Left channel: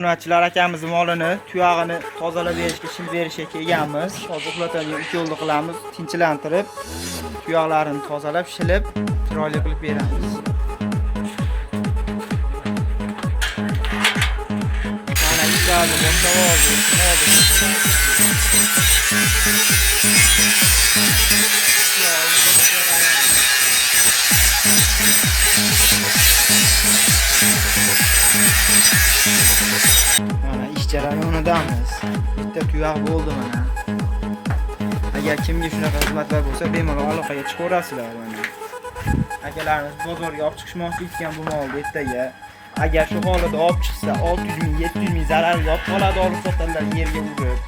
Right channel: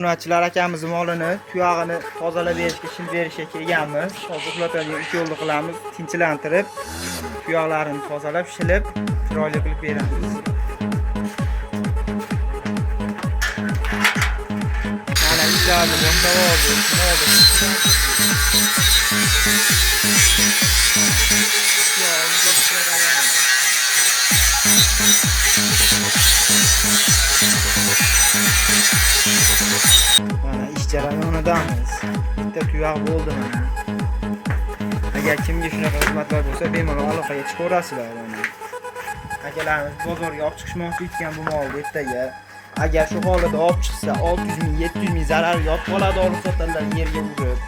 Obunachilar akamiz molini, tuyog'ini tozalab berishga, shil berishga kelganmiz. Hozir uxlatadigan ikki yo'lni qilamiz, tinchlantirib, tuyoqlarini tozalab, shilib, chiroyli qilib beramiz. Mana ishlarni boshlab oldik. Mana ish jarayonidamiz. Bitta tuyoq bo'ldi mana. Agar kimga shunaqa xizmatlar bo'lsa, bemalol aloqaga chiqaverasizlar mana. Akalarimiz bozorga olib chiqishmoqchi ekan bu molni ertaga. Agar shu holida olib chiqsa 600 ming, 700 ming zarar yop qoladi, olib sotalar yerga urib.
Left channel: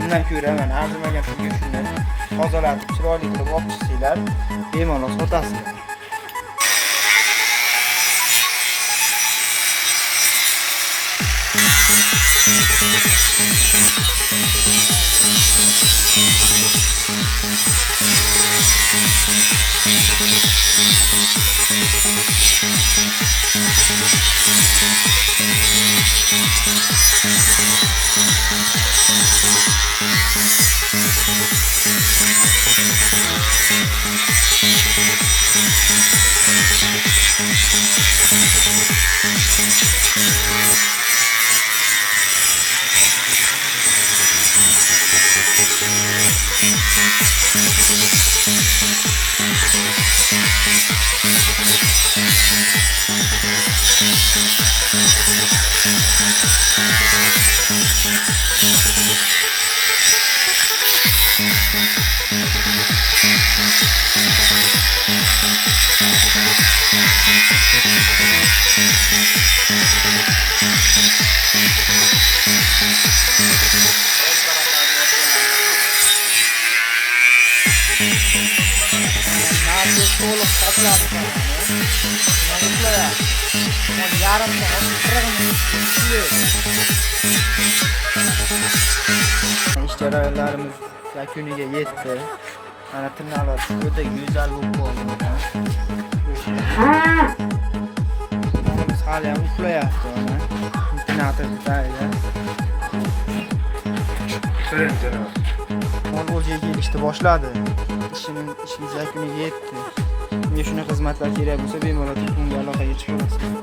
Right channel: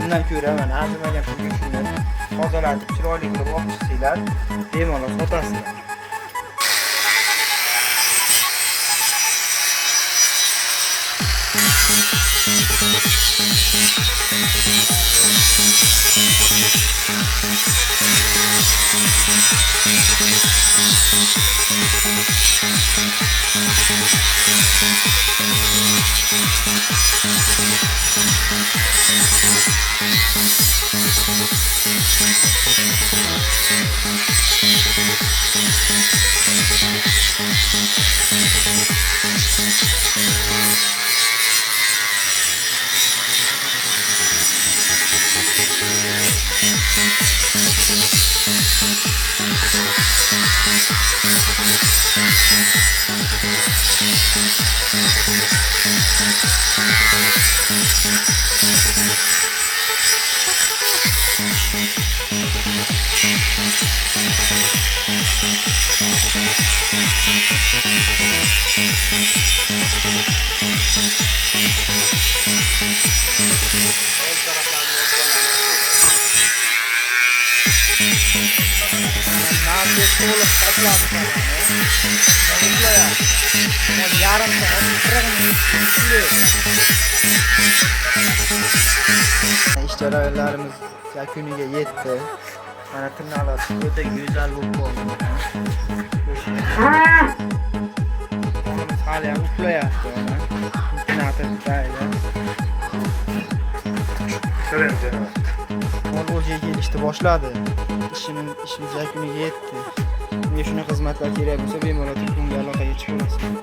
Bundan ko'ra mana arzimagan pulga shuni tozalatib, chiroyli qilib olib chiqsanglar, bemalol sotasizlar. Nafis to'liq qopladi mana. No'xlaya. Mol yarim soat ish jarayonlarimiz yakuniga yetdi. Mana tirnoqlar o'ta go'zal bo'lib qoldi. Hali ham uxlayapti mana. Tinatib Mol o'ziga kelishni boshladi. İşimiz yakuniga yetdi. Unga shunaqa xizmatlar kerak bo'lsa, bemalol telefonga aloqaga chiqaverasiz.